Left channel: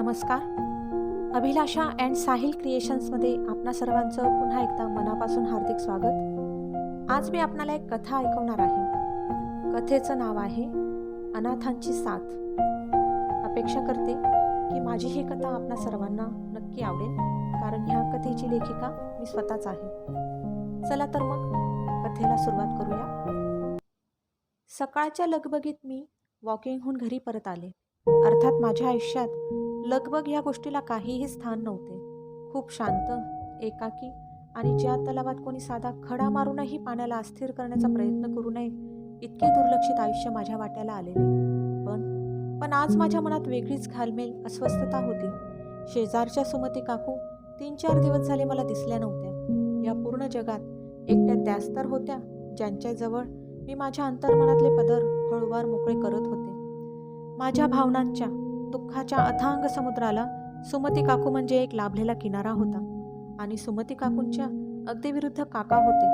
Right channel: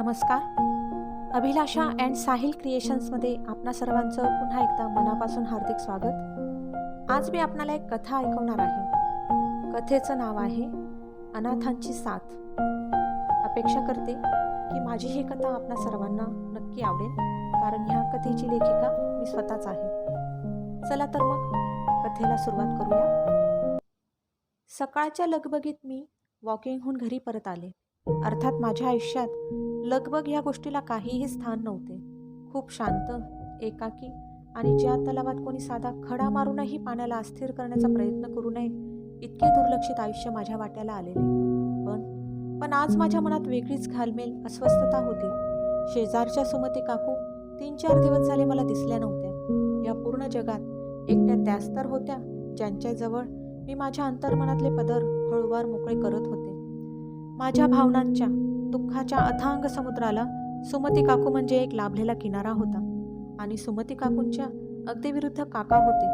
नमस्कार. अभिलाषा अँड साहिल क्रिएशन्समध्ये आपणा सर्वांचं पुन्हा एकदा मनापासून हार्दिक स्वागत. आज मी आपणाला एक कथा ऐकवणार आहे. कथेचं नाव आहे अनाथांची साथ. अपेक्षा करते की माझी ही कथा आपणा सर्वांना नक्की आवडेल, कारण ह्या कथेची लेखिका मी स्वतःच आहे. चला तर मग कथेला सुरुवात करूया. सकाळच्या लगबगीत मी वॉकिंगहून घरी परत आले. अर्थात माझ्या आयुष्यात लगबग या गोष्टीला काहीही स्थान नव्हते. खूप शांत, एकाकी आणि ज्या तलावात कोणी साधा खडा मारूनही पाण्याला अस्थिर करण्याचा प्रयत्न करू नये इतके दुर्लक्षित आयुष्य माझ्या वाट्याला आलेले. पण आज माझ्या मनात वेगळीच घालमेल, अस्वस्थता होती. शेजारच्या सुमती काकू 3-4 दिवस झाले मला दिसल्या नव्हत्या. या पूर्ण जगात एकट्या त्याच तर होत्या ज्यांच्याजवळ मी माझ्या अंतर्मनातले पदर हळूवार मोकळे करत होते. माझ्या भावनांच्या, दुःखाच्या अथांग समुद्राला सुमती काकू म्हणजे एक लाभलेला किनारा होता. आणि सुमती काकूंच्या अगदी विरुद्ध काका होते.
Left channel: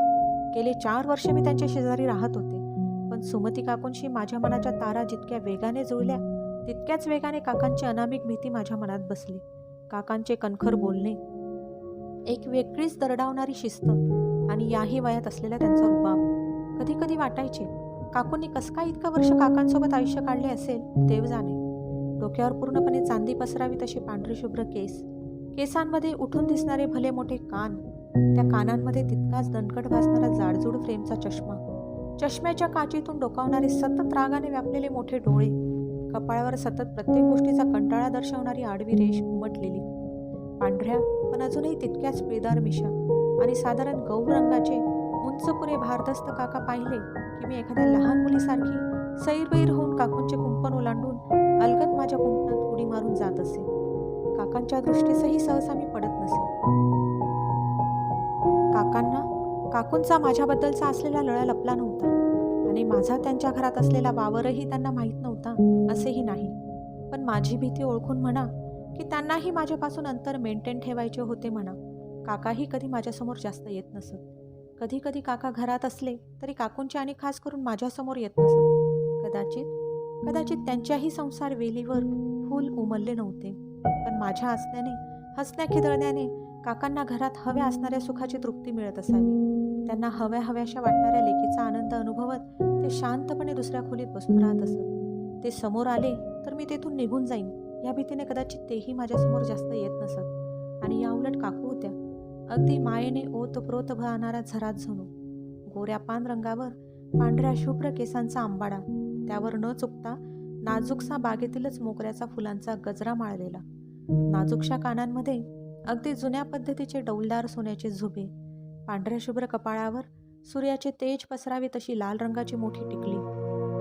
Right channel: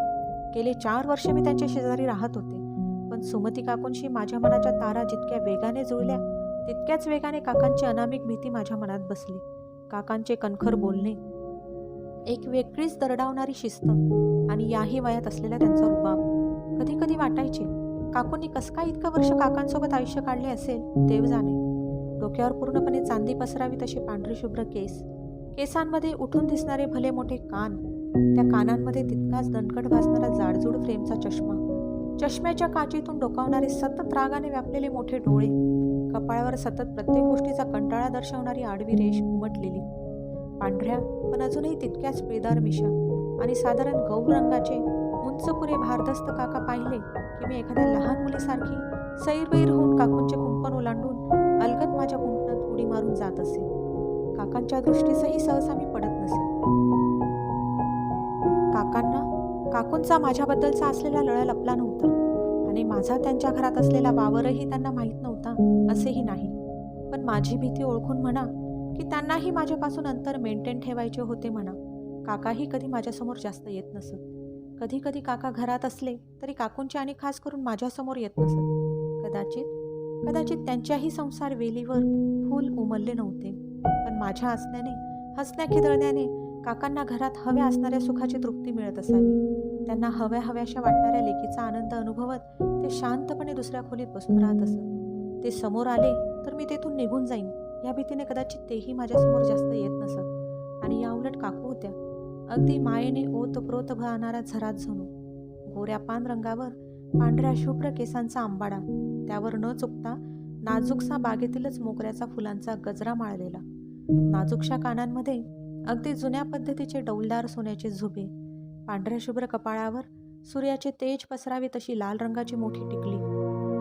गेले 4 वर्ष मी त्यांच्या शेजारी राहत होते. पण सुमती काकूंशी माझ्या मनाच्या तारा जितक्या वेगाने जुळल्या तितक्याच वेगाने काकांची अनामिक भीती माझ्या मनात बसली. काकांचे कणखर बोलणे, एक वेगळीच दरडावणारी शिस्त आणि याही वयात असलेला त्यांचा रुबाब. कधी कधी वाटायचे, काकूंनी कसं काय इतकं वर्ष काकांसोबत आयुष्य काढले असेल, देव जाणे. डोक्यावर पूर्णपणे चांदी पसरावी तसे पांढरे शुभ्र केस, केसांमध्ये उठून दिसणारे भले मोठे कान, त्या कानांमध्ये तितकाच दणकट भासणारा जाडजूड फ्रेमचा चष्मा, चष्म्याच्या काचीतून डोकावणारे सतत रागाने व्यापलेले मोठे डोळे, कपाळावर सतत प्रत्येक गोष्टीचा कंटाळा दर्शवणारी आडवी रेष उमटलेली, पांढऱ्या पण अजूनही तितक्याच पिळदार मिशा आणि साधारण गौर रंगाचे उंच पुरे भारदस्त काका पाहिले की मी एखाद्या लहान मुलीसारखी सैरवैर होऊन काकूंचे कुंपण ओलांडून अलगद माझ्या कुंपणात उडी मारून जात असे. काकांच्या दृष्टीसही सहसा मी पडत नसे. काकूंचा माझ्याबद्दलचा असलेला लळा लपला नव्हता आणि माझा त्यांच्या घरात असलेला वावरही त्यांना माहीत नव्हता असेही नाही. पण माझी भीती ओळखून म्हणा की त्यांनाही माझ्यापासून अंतर मेंटेन ठेवायचे होते म्हणा. काकाही कधी माझ्यासमोर जास्त येत नसत. कधी कधी काका घरात असले तरी काकूंचे आणि खास करून माझ्यासमोर येत नसत. कदाचित त्यांच्याही संसार वेलीवर फूल उमलले नव्हते. पण माझ्या असण्याने, हसण्या खिदळण्याने काकांना घरात हव्या असणाऱ्या सुखाची तृप्ती मिळत असावी. त्यांना हव्याशा वाटणाऱ्या लेकीचा आनंद अनुभवत ते शांतपणे दुसऱ्या खोलीत बसून राहत असत. ते समोर आले तर मी तेथून निघून जाईन या भीतीने कदाचित तेही माझ्यासमोर जास्त येत नसत. आणि या उलट काकू होत्या अगदी मायेने ओतप्रोत वाहणारा झरात जणू. गोऱ्या पान रंगावर पांढऱ्या शुभ्र केसांचा आंबाडा, त्यावर न चुकता नाजूकसा बागेतीलच मोगऱ्याचा फुलांचा गजरा माळलेला, नाजूकशा कानांमध्ये अगदी जुन्या पद्धतीचे डौलदार सोन्याचे झुबे, पांढऱ्या शुभ्र कपाळावर सूर्याचे तेज पसरावे तशी लाल रंगाची मोठी टिकली,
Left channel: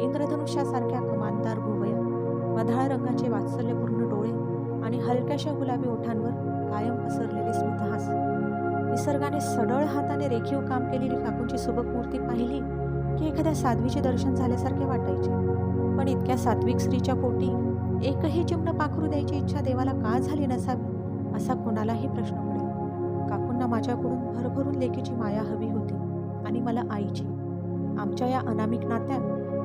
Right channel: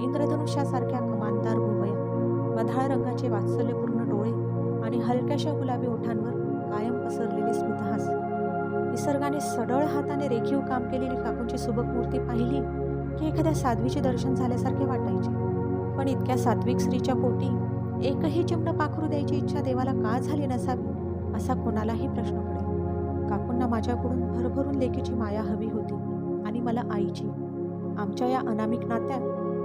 इंद्रधनुष्यासारख्या कमानदार भुवया, मधाळ रंगाचे वात्सल्यपूर्ण डोळे आणि हलक्याशा गुलाबी ओठांवर कायम पसरलेले स्मितहास. निसर्गाने सडळ हाताने रेखीव काम केलेली काकूंची सुबक मूर्ती पाहिली की एखाद्या साध्वीचे दर्शन झाल्यासारखे वाटायचे. पण इतक्या सात्विक स्त्रीच्या पोटी एकही चिमण पाखरू द्यायची इच्छा देवाला का झाली नसावी असा कोणालाही प्रश्न पडेल. काकूंना माझ्याकडून भरभरून लेकीची माया हवी होती आणि मला आईची. आमच्या या अनामिक नात्यात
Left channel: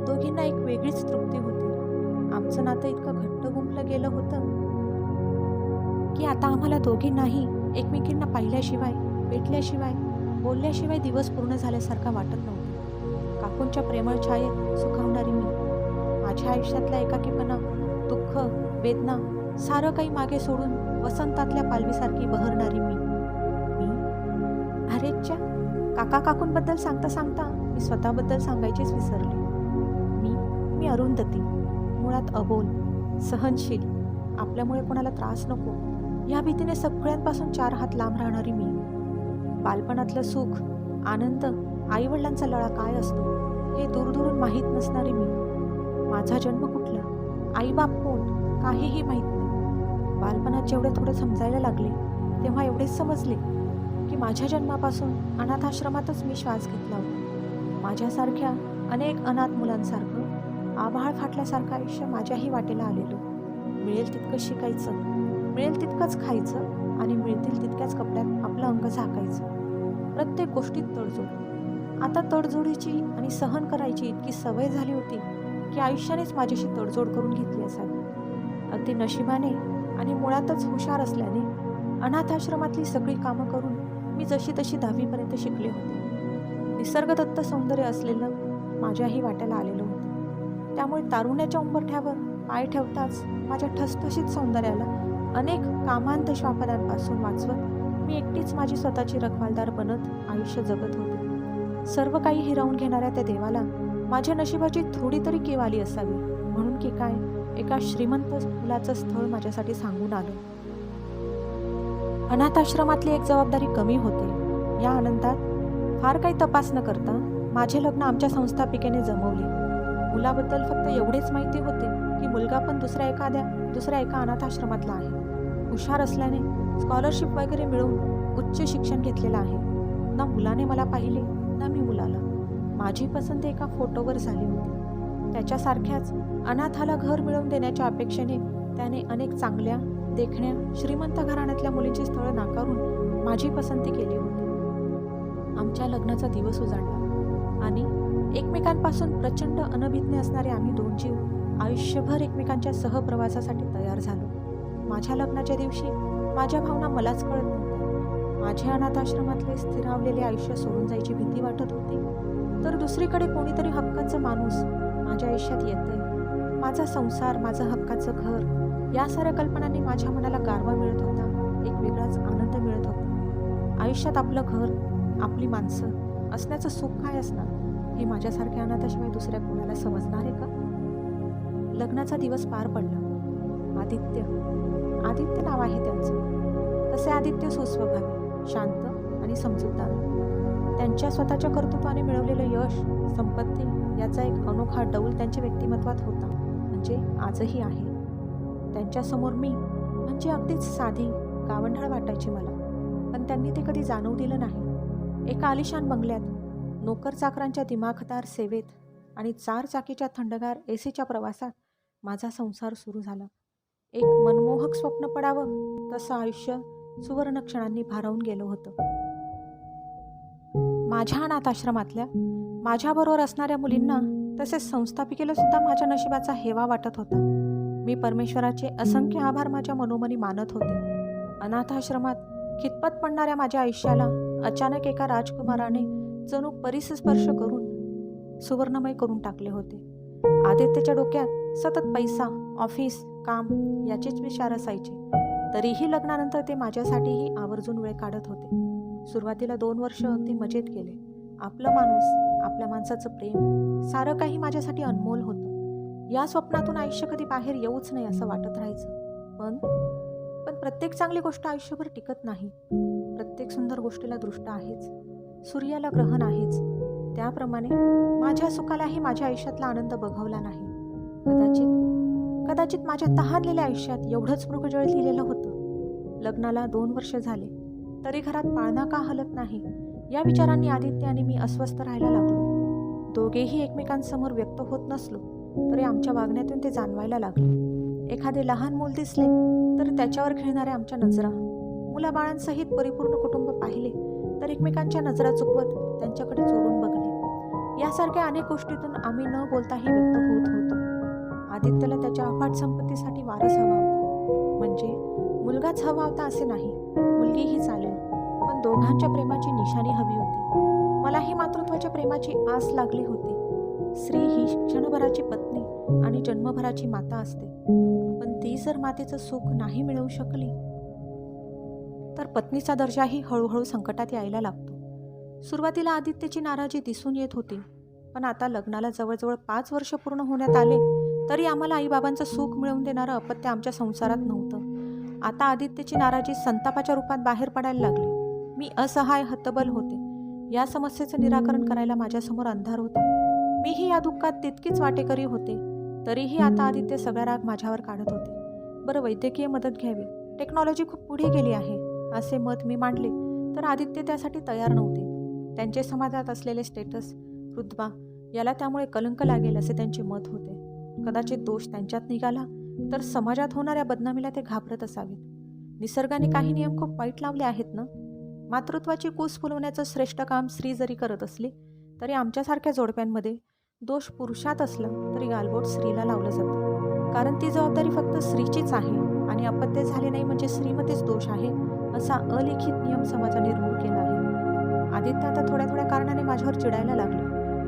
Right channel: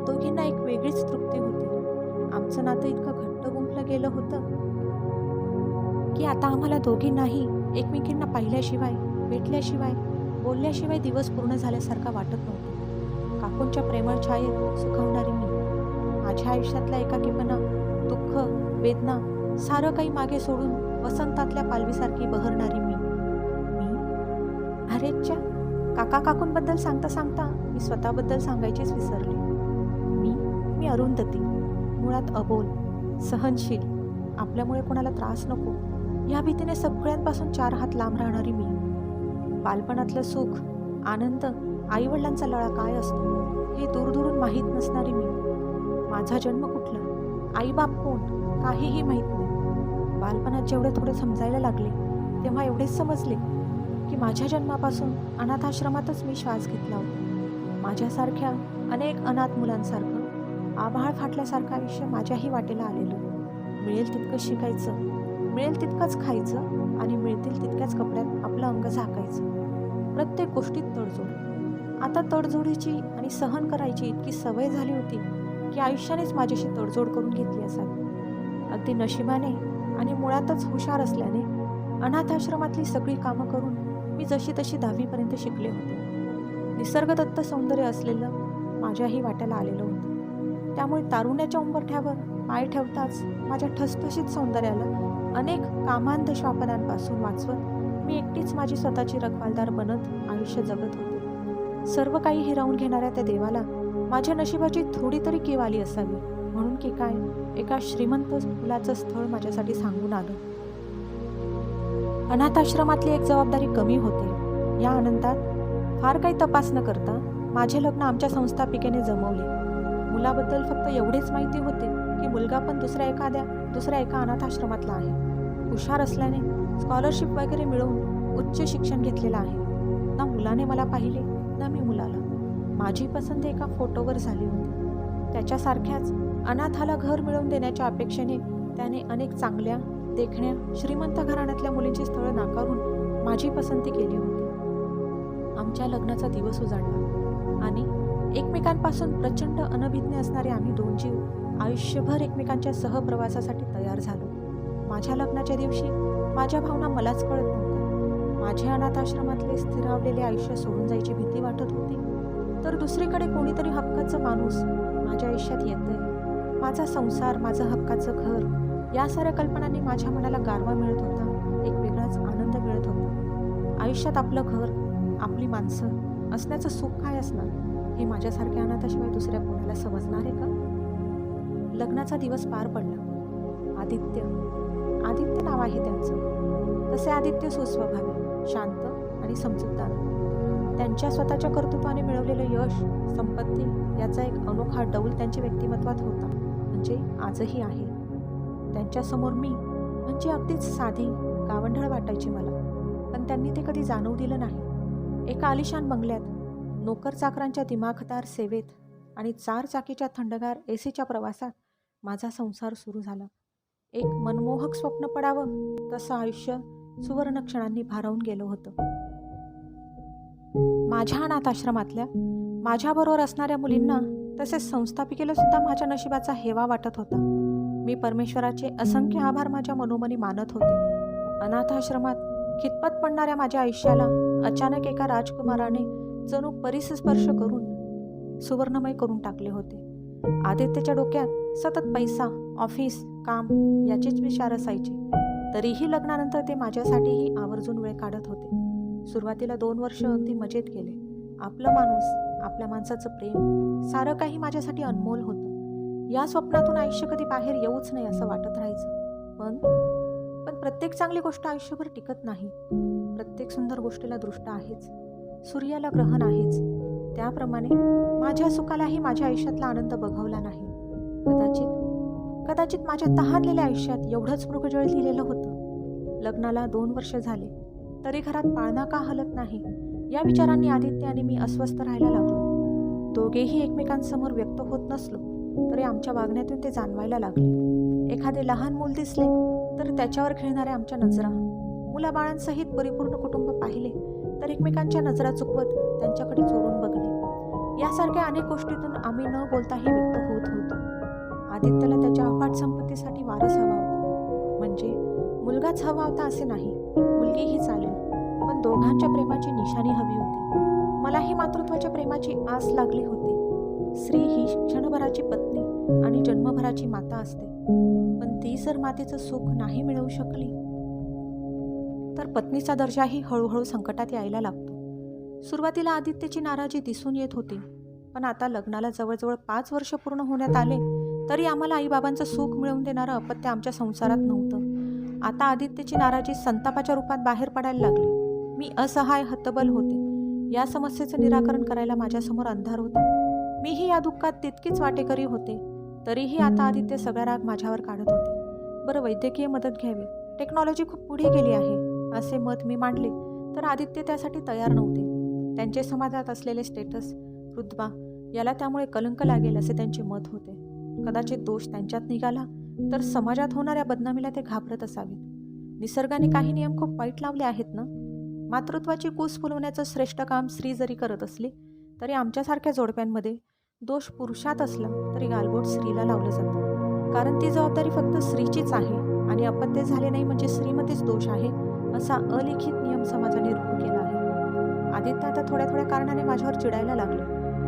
दोघींना एक वेगळीच तृप्ती होती. आमचं नातं इतकं घट्ट गुंफलं गेलं होतं की आता आम्हाला दोघींनाही एकमेकींना पाहिल्याशिवाय, भेटल्याशिवाय, बोलल्याशिवाय दिवस पूर्ण झाल्यासारखा वाटत नव्हतं. काकूंच्या प्रेमळ छायेत सुखावणारी मी, माझ्या आयुष्यातला एकाकीपणा, दुःख, वेदना सारं काही मागे सोडून वसंतातल्या पालवीसारखी बहरणारी मी. अरेच्या, काकूंबद्दल सांगता मी स्वतःबद्दल सांगायचीच विसरले. मी अरुंधती, मुळात अबोल, सहनशील, आपल्यामुळे कोणाला त्रास नको या भीतीने सगळ्यांपासून 4 हात लांब राहणारी मी. बालपणातलं सुख, आनंद, आईवडिलांचा लळा काय असतो हे दूरदूरून माहीत नसणारी मी. माझा जन्म कुठला, आईबाप कोण, काहीही माहीत नाही. बालपणात जेवढे थोडे समजायला लागले तेव्हा एवढेच समजले की माझ्या जन्मापासून अनाथाश्रमातच मी श्वास घेतला होता. माझ्यासारख्या अनेक अनाथ मुलांसारखं आभाळ फाटल्यासारखं आयुष्य माझ्याही वाटेला आलेलं. मिळेल तितकं शिकायचं, मिळेल तितकंच खायचं आणि मिळतील तितक्याच कपड्यात आपलं अंग झाकायचं. प्रत्येक गोष्टीत तडजोड. आता तडजोडीची आणि सहन करायची इतकी सवय झाली होती की आयुष्यानेच माझ्याशी तडजोड करून घेतली असावी. अगदी नशिबाने आणि मुळातच हुशार असल्याने अनाथाश्रमातली सगळी कामं करून मी जशी तशी 10वीपर्यंत शिकले होते. निसर्गदत्त सौंदर्य असलेलं माझ्याही वाट्याला आलेलं होतं. त्यामुळे तारुण्याच्या उंबरठ्यावर पाय ठेवताच माझ्या ठसठशीत सौंदर्याला अनेक कामांध श्वापदांपासून वाचवत मी एकटीच माझी स्वतःची रखवालदार बनत आयुष्य जगत होते. सर्व काही हिरावून घेणाऱ्या त्या देवाला माझ्या नशिबाची थोडी तरी कीव आली असावी, म्हणून की काय एका श्रीमंत मुलाचं स्थळ माझ्यासाठी सांगून आलं. अनाथाश्रमातली एक जबाबदारी कमी होते. या आनंदात फार काही तपास न करता माझे लग्न आमच्या संस्थापिकेने जमवले. मुलाबद्दल फक्त एवढेच माहिती होते की मुलगा पण दुसऱ्या एका अनाथाश्रमातला आहे. हुशार असल्याने स्कॉलरशिप वगैरे मिळवून उच्च शिक्षण घेतलेलं आहे. ना मुलाने मला पाहिले ना मी मुलाला. माझी पसंती एका फोटोवर झाली होती. त्याच्यासारख्याच अनाथाला घर मिळवून देण्याच्या अपेक्षेने त्याने अनेक चांगल्या देखण्या श्रीमंत घराण्यातल्या मुलींची स्थळं नाकारून माझी पसंती केली होती. आमच्या लग्नाचा दिवस उजाडला आणि एकमेकांपासून प्रचंड अनभिज्ञ असणारे आम्ही दोन जीव आयुष्यभर एकमेकांच्या सहप्रवासासाठी तयार झालो. माझ्या लग्नाच्या दिवशी माझ्या भावना मलाच कळत नव्हत्या. माझे अनाथाश्रमातले स्थिरावलेले आयुष्य सोडून जायची भीती वाटत होती, तर दुसरीकडे कोणीतरी हक्काचं माणूस माझ्या आयुष्यात येतंय. माझा संसार, माझं हक्काचं घर, या साऱ्या कल्पनांनी माझ्या मनाला गारवा मिळत होता. एक वेगळाच आनंद मिळत होता. आयुष्यात आपलं घर, आपली माणसं असण्याचं सुख काय असणार हे माझ्यासारख्या अनाथाशिवाय दुसऱ्या कोणाला समजणार आहे का? लग्नाचा दिवस पार पडला. आदित्य नाव आहे त्यांचं. तसे आदित्य सुस्वभावी, शांत आणि समजूतदार. त्यांच्या स्वतःच्या कर्तृत्वाने मिळवलेलं यश, संपत्ती याचा एक अनोखा डौल त्यांच्या व्यक्तिमत्वात होता, म्हणजे आजही आहे. त्यांच्यासमोर मी म्हणजे अगदीच साधी गावंढळ वाटायची मला, पण त्यांनी ते कधी जाणवू दिलं नाही. एका आलिशान बंगल्यात, नोकर चाकरांच्या दिमाखदार सेवेत आणि 4 चाकीच्या थंडगार एसीच्या प्रवासात माझा संसार सुरू झाला. एक मनमोहक स्वप्न पडावं तसं आयुष्य सुवर्ण क्षणांनी भारावून गेलं होतं. माझ्या अनाथाश्रमातल्या माझ्याबरोबर असणाऱ्या मुलींना तसेच संस्थापिकेला सुद्धा माझ्या नशिबाचा हेवा वाटत होता. मी परमेश्वराचे असंख्य आभार माझ्या मनोमनी मानत होते. अनाथाश्रमात खितपत पडणाऱ्या माझ्या आयुष्याला अचानक एका राजकुमाराने जणू परिसस्पर्श करून सुवर्णमय करून टाकले होते. आदित्यच्या डोक्यात सतत पैसा, ऑफिस, काम याचेच विचार असायचे. तरीही लग्नानंतर ते माझ्यासाठीही आवर्जून वेळ काढत होते. सुरुवातीला 2 वर्ष अगदी मजेत गेले. आपलं माणूस, आपल्या माणसाचं प्रेम, सारं काही माझ्यासाठी अनमोल होतं. या स्वप्नातून आयुष्य कधी बाहेर येऊच नाही असं वाटत राहायचं. पण प्रत्येक चांगली गोष्ट आयुष्यभर टिकत नाही. प्रत्येक सुंदर गोष्टीला दृष्ट आहेच, सूर्याला ग्रहण आहेच. त्याप्रमाणे माझ्या सुखालाही माझ्या आयुष्यातला आनंद बघवला नाही. कदाचित माझ्या तहानलेल्या आयुष्यात एवढंच मृगजळ लिहिलेलं होतं. लग्नाला 2 वर्ष झाले तरी घरात पाळणा का हलत नाही या विचारांनी आदित्य आणि मी अस्वस्थ राहायला लागलो. दोघेही एकमेकांसमोर व्यक्त होत नसलो तरी आमच्या वागण्यातून ते जाणवायला लागले. एखादे लहान मूल दिसले तर त्याच्यावर खेळणाऱ्या आमच्या नजरा, मुलाबाळांसहित परिपूर्ण कुटुंब पाहिले तर एकमेकांच्या नजरा चुकवत त्यांच्याकडे चोरून बघणे, यासारख्या अनेक गोष्टीतून आम्ही न बोलताही व्यक्त होत होतो. आदित्यला त्याच्या अफाट संपत्तीसाठी वारस हवा होता, म्हणजे मुलगाच हवा होता असे नाही, मुलगीही चालेल, पण दोघांच्या प्रेमाची निशाणी हवी होती. मलाही मातृत्वाच्या प्रेमाची आस लागली होती. स्त्री ही क्षणभराची पत्नी आणि जन्मभराची माता असते, पण ती जर मातेचं सुख नाही मिळवू शकली तर पत्नीचा दर्जाही हळूहळू संकटात यायला लागतो. सुरुवातीला आदित्यची नाराजी दिसून येत होती, पण आता लग्नाला जवळजवळ 5 वर्ष पूर्ण होण्यात आले तरी आम्हाला आईबाबांचं सुख मिळवून देणारं अपत्य आमच्या संसारात नव्हतं. आता आदित्यची नाराजी संतापाच्या रूपात बाहेर पडायला लागली. मी असहाय, हतबल होते. या समस्येचं निराकरण करायला माझ्यासमोर अंधार होता. मीही या दुःखात तितकीच वाटेकरी होते. तरीही आता आदित्य सगळा राग माझ्यावर काढत होते. बरं, वैद्यकीय मदत घ्यावी, टेक्नॉलॉजी खूप पुढे गेली आहे असे मत मी मांडले तर आदित्य त्यासाठी तयार नव्हते. त्यांचे समाजात असलेले स्टेटस, रुतबा याला त्यामुळे कलंक लागेल असे त्यांचे मत होते. कदाचित दोष त्यांच्यात निघाला तर समाजात होणाऱ्या बदनामीला ते घाबरत असावेत. निसर्गाने काही नियम खूप वाईट लावले आहेत ना. मातृत्वाची कूस फुलवण्याचं श्रेष्ठ काम स्त्री जरी करत असली तरी आमच्यासारख्या जोडप्यांमध्ये दोष पुरुषात असला तरी गालबोट स्त्रीला लावलं जातं, कारण ती जबाबदारी फक्त स्त्रीचीच आहे आणि अपत्य झाले नाही म्हणजे श्रीमतीच दोष आहे, असा अलिखित नियम समाजाने रूढ केला आहे. आदित्य आता थोड्या थोड्या कारणाने माझ्यावर चिडायला लागले.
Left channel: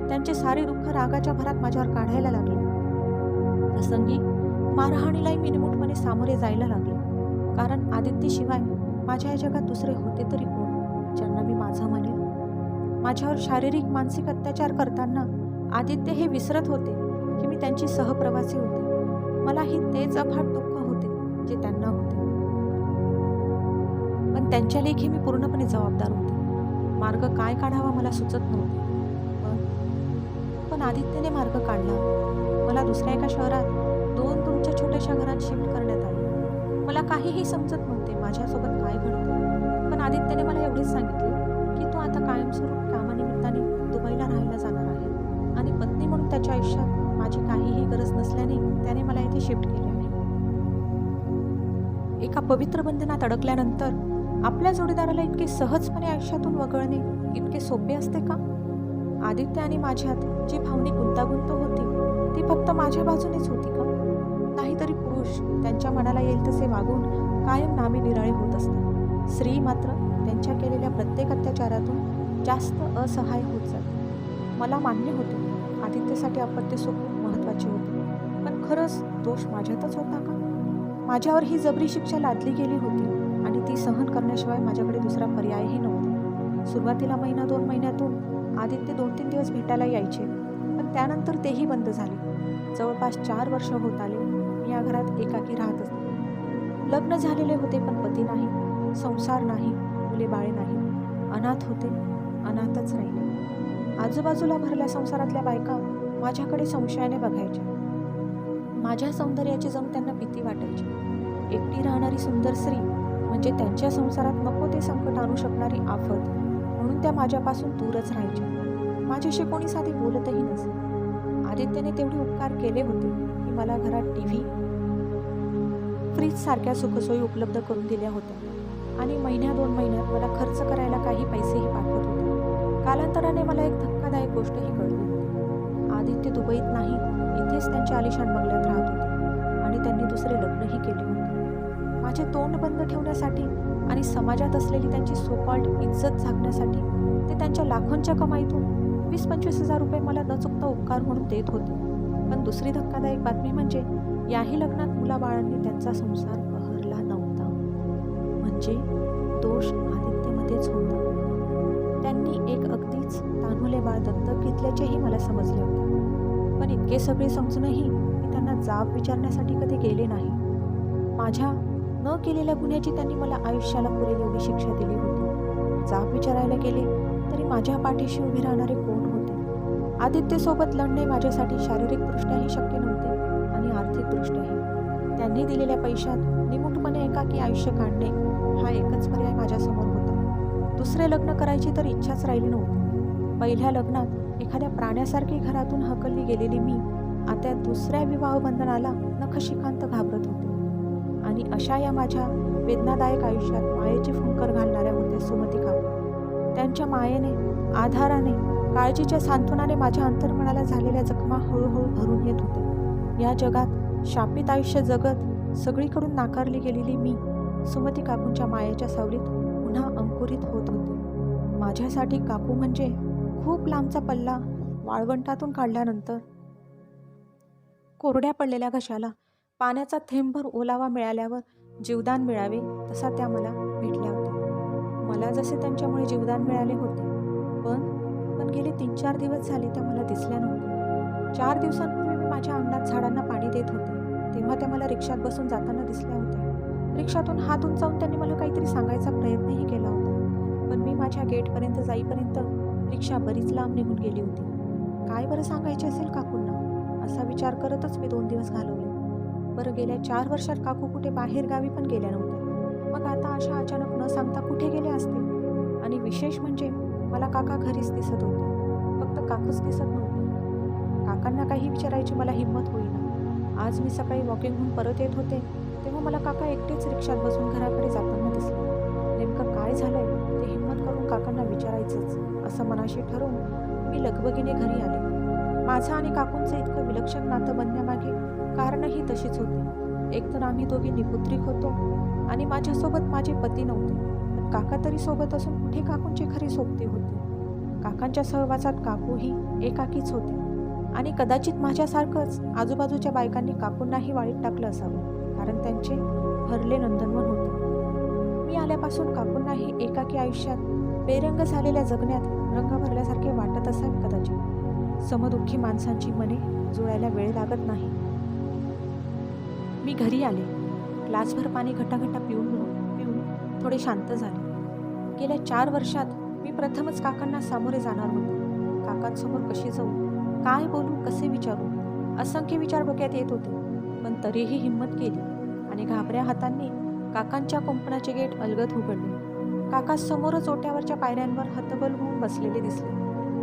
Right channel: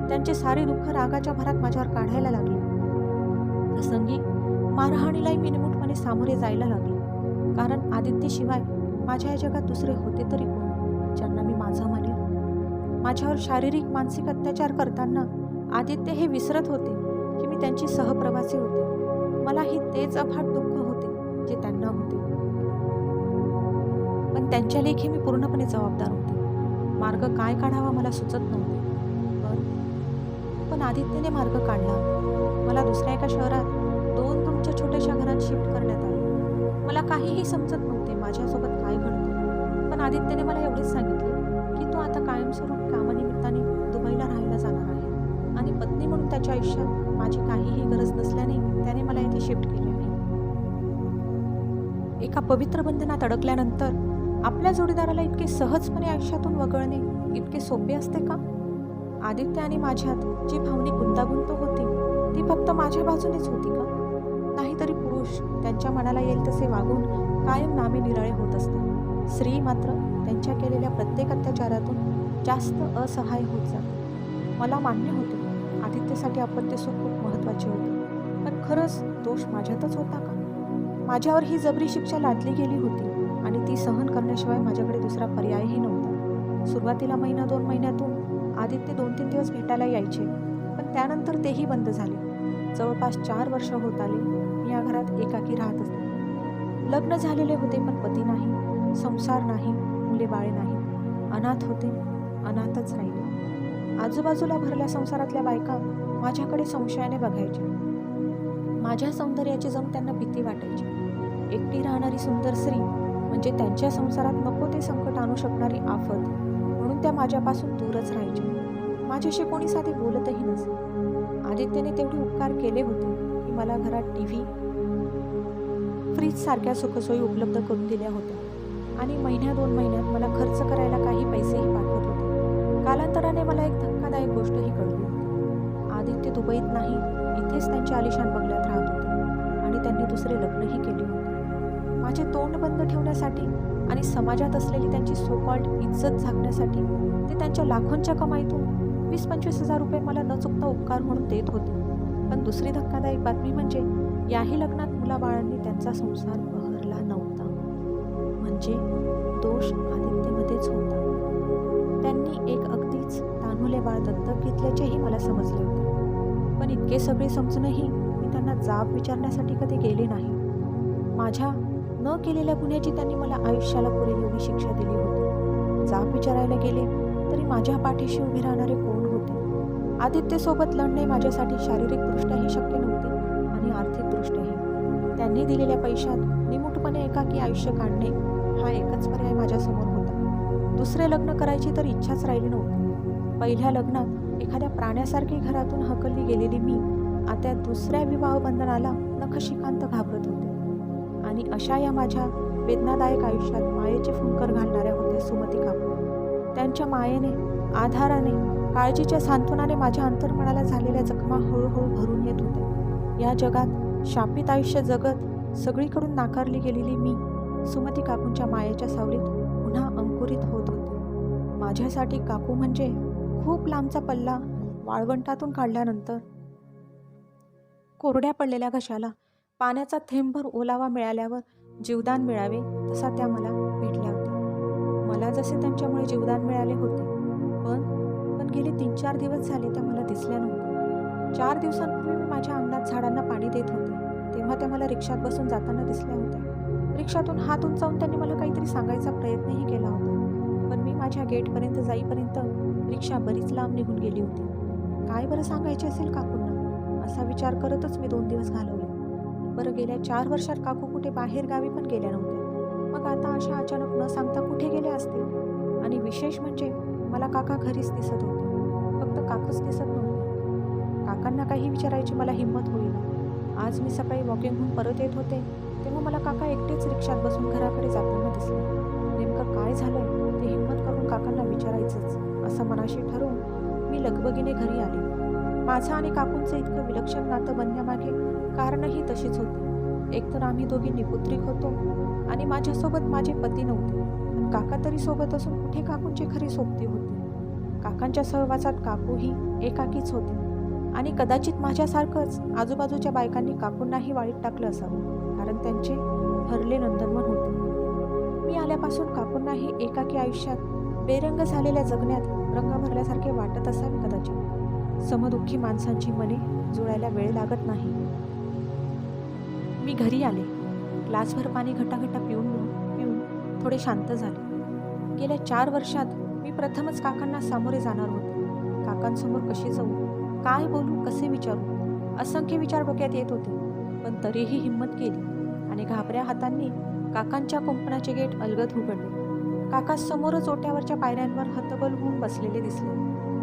त्यांचे सारे दुःख रागाच्या भरात माझ्यावर काढायला लागले. प्रसंगी मारहाणीलाही मिनिमूटपणे सामोरे जायला लागले. कारण आदित्यशिवाय माझ्या या जगात दुसरे होते तरी कोण, ज्यांना मी माझं म्हणेल. माझ्यावर शारीरिक मानसिक अत्याचार करताना आदित्य हे विसरत होते की मी त्यांची सहप्रवासी होते. मलाही तेच अफाट दुःख होते जे त्यांना होते, पण त्यांच्या लेखी मी पूर्णपणे जबाबदार होते. मार्ग काय काढावा मला सुचत नव्हते. पण आदित्यने मार्ग काढला. मला दुसऱ्या एका शहरात 2 तुमच्या छोट्याशा घरात शिफ्ट करण्यात आले. मला काहीही समजत नव्हते माझ्यासोबत काय घडते. पण आदित्यने मला एवढेच सांगितले की तू आता कायमस्वरूपी कामानिमित्ताने दुबईला राहायला जाणार आहे आणि पत्नी म्हणून त्याच्या आयुष्यात माझी काहीही गरज नसल्याने त्याने मला येथे शिफ्ट केले आहे. एका पवित्र बंधनात अडकल्यानंतर आपल्या जोडीदाराला इतके सहजपणे आयुष्यातून वगळणे इतके सोपे असते का? आदित्य आणि माझ्यात जी भावनिक गुंतागुंत होती ती फक्त माझ्या बाजूनेच होती का? नाहीतरी पुरुष त्यांच्या मनाला येईल तसे वागून कायम नामे निराळे होत असतात. स्त्री मात्र त्यांच्या केलेल्या प्रत्येक अत्याचारातून जास्त असहाय्य होत जाते. मला मान्य होते आदित्यसाठी अपत्य सुख खूप महत्त्वाचे होते, पण खरंच दोष माझ्यातच होता का? माझ्यावर ही जबरी शिक्षा लादली गेली होती आणि ती सहन करण्याशिवाय माझ्याकडे दुसरा पर्यायही नव्हता. सुरुवातीला 1-2 महिन्यातून आदित्य 2-3 दिवस भेटायला यायचे, पण त्यानंतर तेही बंद झाले. जवळपास 4 वर्ष होत आले मी या घरात एकाकी राहत असते. लग्न झालेले होते पण पती नाही, संसार नाही, मुले बाळे नाही, अनाथ होते, अनाथच राहिले. आजूबाजूला भरल्या संसारातल्या बायका माझ्याकडे संशयाने बघायच्या. माझ्या सौंदर्याची जणू त्यांना भीती वाटायची. एकटी राहणारी सुंदर स्त्री म्हणजे त्यांच्या संसारात नको ते संकट आणू शकणारी आफत, म्हणून त्या माझ्यापासून दूरच राहायच्या. माझ्याशी कोणी साधी बोलतही नसे. आदित्यने तेवढे उपकार केले होते की मला घरात TV, फ्रीज सारख्या सुखसोयी उपलब्ध करून दिल्या होत्या आणि 1-2 महिन्यात मला खर्च करायला काही पैसेही पाठवत होते. कालांतराने मला एक धक्कादायक गोष्टही कळली होती. आदित्य दुबईत नाही, इथेच त्यांच्या आलिशान बंगल्यात राहत होते आणि त्यांनी दुसरे लग्नही केले होते. माझे तोंड बंद ठेवण्यासाठी आणि समाजात असलेली त्यांची सोकॉल्ड इज्जत झाकण्यासाठी ते त्यांच्या लाखोंच्या कमाईतून 20-25 हजार रुपये मला न चुकता उपकार म्हणून देत होते. पण दुसरी धक्कादायक बातमी म्हणजे याही लग्नात मुलाबाळांनी त्यांचा संसार बहरला नव्हता. म्हणजे दोष आदित्यमध्येच होता. त्यांनी एक अगदीच तान्हुले बाळ दत्तक घेतल्याचेही मला समजले होते. पण इतके सगळे समजूनही मी त्यांना जाब विचारण्यासाठी कधी गेले नाही. माझ्या न केलेल्या गुन्ह्याची त्यांनी मला आयुष्याला पुरेल एवढी शिक्षा दिली होती. जाब विचारायला गेले तरी माझ्या पाठीशी उभे राहणारे कोण होते? आदित्यसोबत लढणे माझ्यासाठी शारीरिकदृष्ट्याही शक्य नव्हते आणि आर्थिकदृष्ट्याही. त्यांनी दिलेल्या पैशात निमूटपणे एकाकी आयुष्य काढणे हा एकच पर्याय माझ्यासमोर होता. दुसरे लग्न करायची तर इच्छाच राहिली नव्हती. पहिल्या लग्नात एखाद्या प्राण्यासारखी घरातून हकलली गेलेली मी आता दुसऱ्या विवाहबंधनाला नखशिखांत घाबरत होते. आणि अशा या माझ्या वेदनादायक आयुष्यात मायेचे फुंकर घालणाऱ्या होत्या सुमती काकू. त्यांच्या मायेने, आधाराने, काळजीच्या सांत्वनाने माझ्या अंतर्मनाला झालेल्या जखमा हळूहळू भरून येत होत्या. या जगात शापित आयुष्य जगत सगळीकडून नाकारली गेलेली मी सुमती काकूंच्या मायेच्या सावलीत पुन्हा अंकुरित होत होते. माझ्यासाठी काकू म्हणजे खूप लांबचा पल्ला वाळवंटातून काढल्यानंतर कोरड्या पडलेल्या घशाला पाण्याचा थेंबभर ओलावा मिळाल्यावर जीवदान मिळावे तसा त्या मला भेटल्या होत्या. मला जसे त्यांच्यामुळे जीवदान मिळाले होते, पण गेले 3-4 दिवस झाले त्या मला दिसल्या नव्हत्या. 4 दिवसांपूर्वी मी माझ्या अंगणात झाडांना पाणी देत होते तेव्हा त्या मला रिक्षात बसून जाताना दिसल्या होत्या. रिक्षातून हात उंचावून त्यांनी मला काहीतरी सांगायचा प्रयत्नही केला होता, पण मी माझ्या गेटपर्यंत जाईपर्यंत रिक्षा बरीच लांब निघून गेली होती. काय बरं सांगायचे असेल काकूंना, असा विचार करतच मी 2 दिवस घालवले. बरं, गेल्या 4 वर्षात काकू कुठे बाहेर गावी पण गेल्या नव्हत्या. मग आता अशा अचानक न सांगता कुठे गेले असतील? आणि विशेष म्हणजे मला काका घरीच दिसत होते, फक्त काकूच दिसत नव्हते. काकांना काही विचारायची मला हिंमत होईना. आज मी सकाळी वॉकिंगहून परत येत होते तेव्हा मला काका एकटेच रिक्षात बसून घराकडे जाताना दिसले. नेमकं काय झालंय ते हिंमत करून काकांना विचारायचंच असं मनाशी ठरवून मी लगबगीने घरी आले. माझं आणि काकूंचं इतकं विलक्षण नातं बनण्यामागे कारणही तशीच होती. एकतर आम्ही दोघी निपुत्रिक होतो आणि माझ्यासोबत माझे पती नव्हते, पण काका तरी सोबत असून कुठे काकूंची खरी सोबती होते. काकांच्या सहवासात काकूही एकाकीच होत्या आणि कदाचित माझ्यासारखंच आजूबाजूच्या बायकांनी काकूंनाही वाळीत टाकलं असावं, कारण त्यांचे भरले नंदनवन होते. मी आल्यापासून काकूंनाही एकाकी आयुष्यात बेरंग झालेल्या जगण्यात रंग भरल्यासारखे वाटत असावे कदाचित. समदुःखी माणसांची मने जुळायला वेळ लागत नाही. मी घरी आले. ग्लासभर पाणी घटाघटा पिऊन थोडे शांत झाले. गेल्या 4 वर्षात मी प्रथमच काकांना सामोरे जाणार होते. काकांसमोर कशी जाऊ, काय बोलू, कसे विचारू, असंख्य विचार डोक्यात येत होते. पण तरीही हिंमत केली आणि घाबऱ्या हातांनी काकांच्या कुंपणाचे गेट अलगद उघडले. काका समोरच ओट्यावरच्या पायऱ्यांवर हतबल होऊन बसलेले दिसले.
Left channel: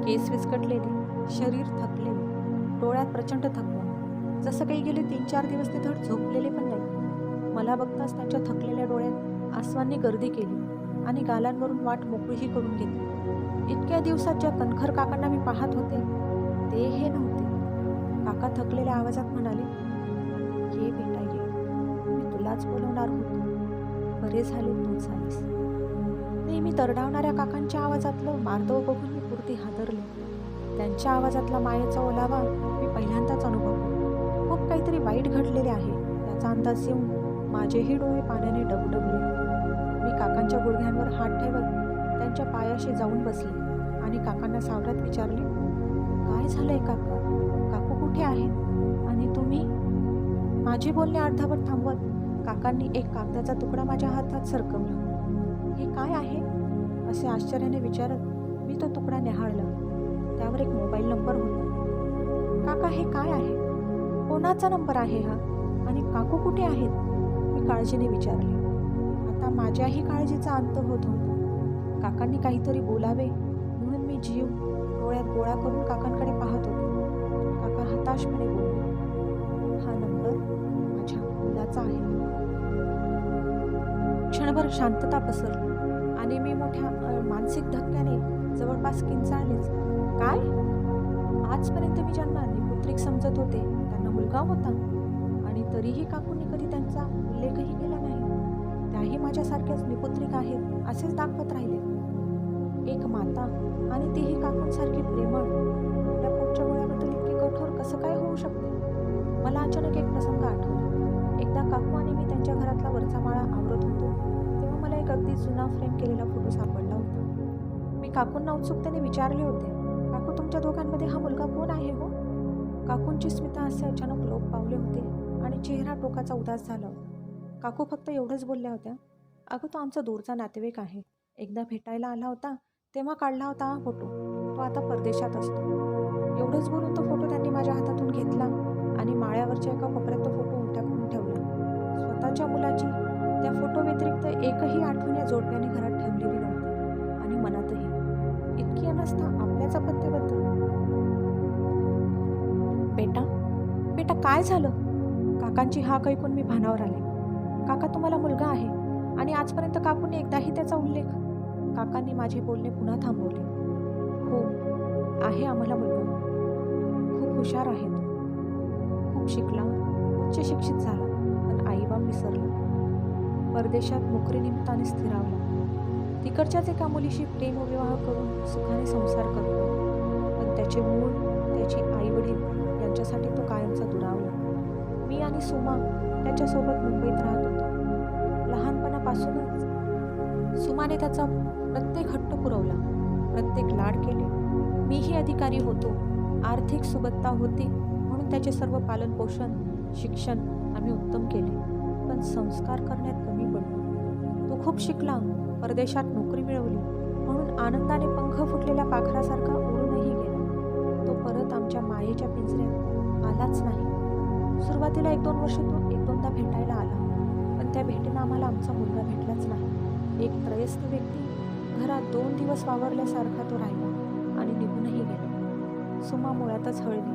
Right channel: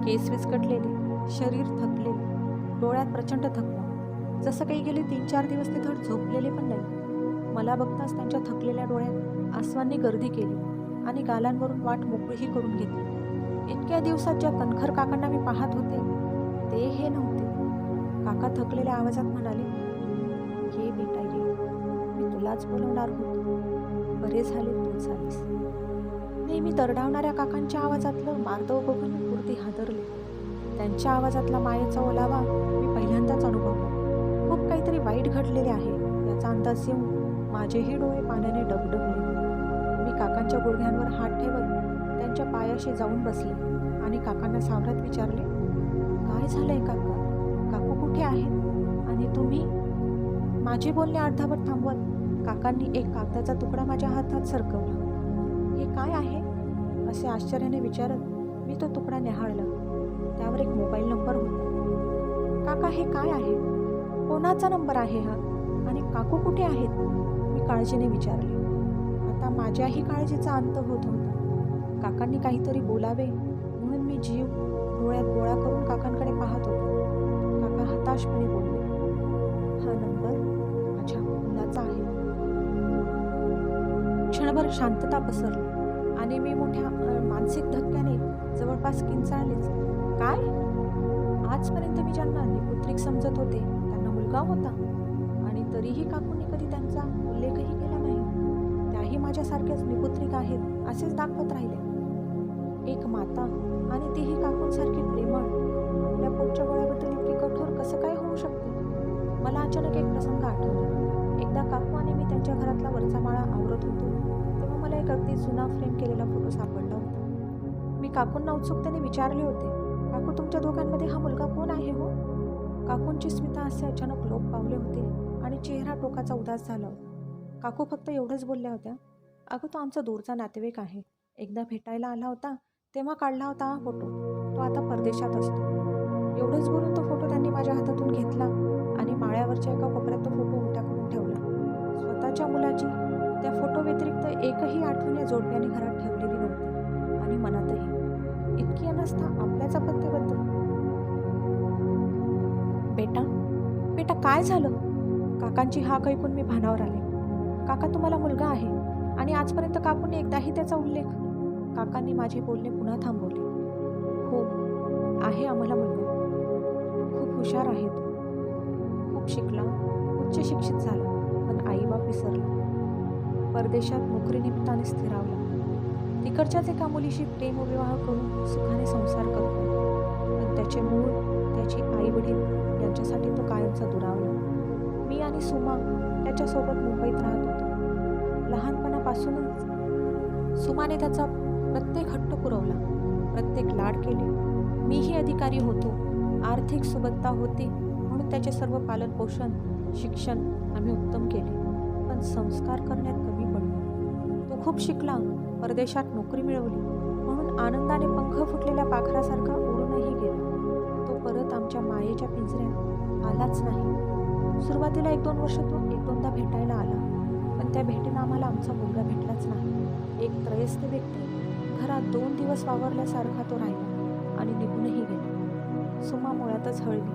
केस विस्कटलेले, शरीर थकलेले, डोळ्यात प्रचंड थकवा. जसं काही गेले 3-4 दिवस ते धड झोपलेले पण नाही. मला बघताच त्यांच्या थकलेल्या डोळ्यात आसवांनी गर्दी केली आणि गालांवरून वाट मोकळीही करून घेतली. इतक्या दिवसात ज्या कणखर काकांना मी पाहत होते ते हे नव्हते. काका थकलेल्या आवाजात म्हणाले, "ये बेटा ये, मी तुलाच बोलवणार होतो. बरे झाले तूच आलीस." नेहमी दरडावणाऱ्या काकांच्या आवाजातलं मार्दव बघून मी पुरती हादरले. त्यांच्या आवाजातला मायेचा ओलावा मी पहिल्यांदाच अनुभवला. खूप काहीतरी वाईट घडलेले आहे याचा अंदाज येऊन माझेही डोळे पाण्याने डबडबले. मी काकांच्या गुडघ्यांवर हात ठेवत त्यांच्या पायाशी जाऊन बसले आणि काकांना सावरात विचारले, "काय झालंय काका? काकू कुठे आहेत? आणि तुम्ही?" माझे बोलणे अर्धावट थांबवत काकांनी एक कागदाचा तुकडा माझ्या हातात सरकवला. "हे काय आहे?" असे आश्चर्याने विचारत मी तो तुकडा न्याहाळला. त्यावर एक मोबाईल नंबर होता. "काका, हे काय आहे? कोणाचा नंबर आहे हा? आणि काकू कुठे आहेत?" मी काळजीने विचारले. आता माझ्याही काळजीचा अंत होत होता. काकांनी काहीतरी बोलावे म्हणून मी जीव डोळ्यात गोळा करून काकांकडे पाहत होते. काका हताशपणे बोलले, "हा नंबर माझ्या मुलाचा आहे." क्षणभर शांतता पसरली आणि मी मोठ्या मानसिक धक्क्याने जवळपास किंचाळलेच. "काय? आजपर्यंत मी ज्यांना निपुत्रिक समजत होते त्यांना मुलगा होता आणि तरीही काकूंनी कधी त्यांचा उल्लेखही केला नाही. त्याही माझ्यासारख्याच निपुत्रिक आहेत असेच दाखवत राहिल्या. एक माता आणि तीही काकूंसारखी प्रेमळ आपल्या पोटच्या गोळ्याबद्दल इतकी कठोर कसं काय होऊ शकते?" मला अचानक एक प्रसंग आठवला. एकदा काकू आणि मी त्यांच्या घरातला वरचा माळा आवरत होतो तेव्हा मला एक अगदी जुना फ्रेम केलेला फोटो सापडला होता. मी काकूंना उत्सुकतेने विचारले होते, "काकू, तुमच्या दोघांमध्ये हा मुलगा कोण आहे हो?" काकूंची स्मिता असे अचानक लोप पावले होते आणि चेहरा टोकाचा उदास झाला होता. काकू फक्त एवढंच बोलल्या होत्या, "अगं, तो आमचा दूरचा नातेवाईक आहे. एकदा भेटायला आला होता तेव्हा काढला होता हा फोटो. तो आता परदेशात असतो." एवढंच बोलून तो फोटो त्यांनी माझ्या हातातून घेतला आणि माळ्यावरच्या एका कोपऱ्यात तो फोटो उलटा करून ठेवला. स्वतःच्या मुलाची त्या फोटो व्यतिरिक्त एकही आठवण या जोडप्याने घरात ठेवलेली नव्हती आणि मनातही. इतकी अनास्था आपल्याच अपत्याबद्दल. "बेटा, बेटा, काय झालं?" काकांची हाक ऐकून मी भानावर आले. "काका, तुम्हाला मुलगा आहे आणि आजपर्यंत काकूंनी एकदाही त्याचा उल्लेख." काकांनी माझे बोलणे पुन्हा थांबवले. "हो, आहे आम्हाला मुलगा. खूप हुशार आहे तो. खूप शिकला, उच्च शिक्षित झाला, पण आईबाप विसरला. परदेशात नोकरीनिमित्ताने स्थिरावला. तिकडच्याच एका मुलीशी प्रेमविवाह करून सुखाने संसार करतो. पण त्याचे मूळ, त्याची आईवडील यांच्यासाठी तो कायमचा दुरावला. मी आणि सुमा त्याच्यासोबत मुंबईत राहत होतो. लहानपणापासूनच सुमाने त्याचा प्रत्येक हट्ट पुरवला, प्रत्येक लाड केले. मीही अधिकारी होतो, आर्थिक सुबत्ता होती म्हणून त्याचे सर्व पालनपोषण, शिक्षण आम्ही उत्तम केले. पण संस्कार करण्यात कमी पडलो. तो खूप शिकला, परदेशात नोकरी मिळवली म्हणून आनंदाने पंख फुटलेल्या पाखरासारखा उडूनही गेला. तो परत आमच्या मायेच्या पिंजऱ्यात आलाच नाही. सुरुवातीला 1-2 वर्ष तो 1-2दा भेटायला आला, पण त्या भेटीनं आम्हाला आमचा मुलगा भेटलाच नाही. एक त्रयस्थ व्यक्ती घरात 2 दिवस वावरल्यासारखा तो राहिला आणि निघूनही गेला. सुमा मुळातच हळवी,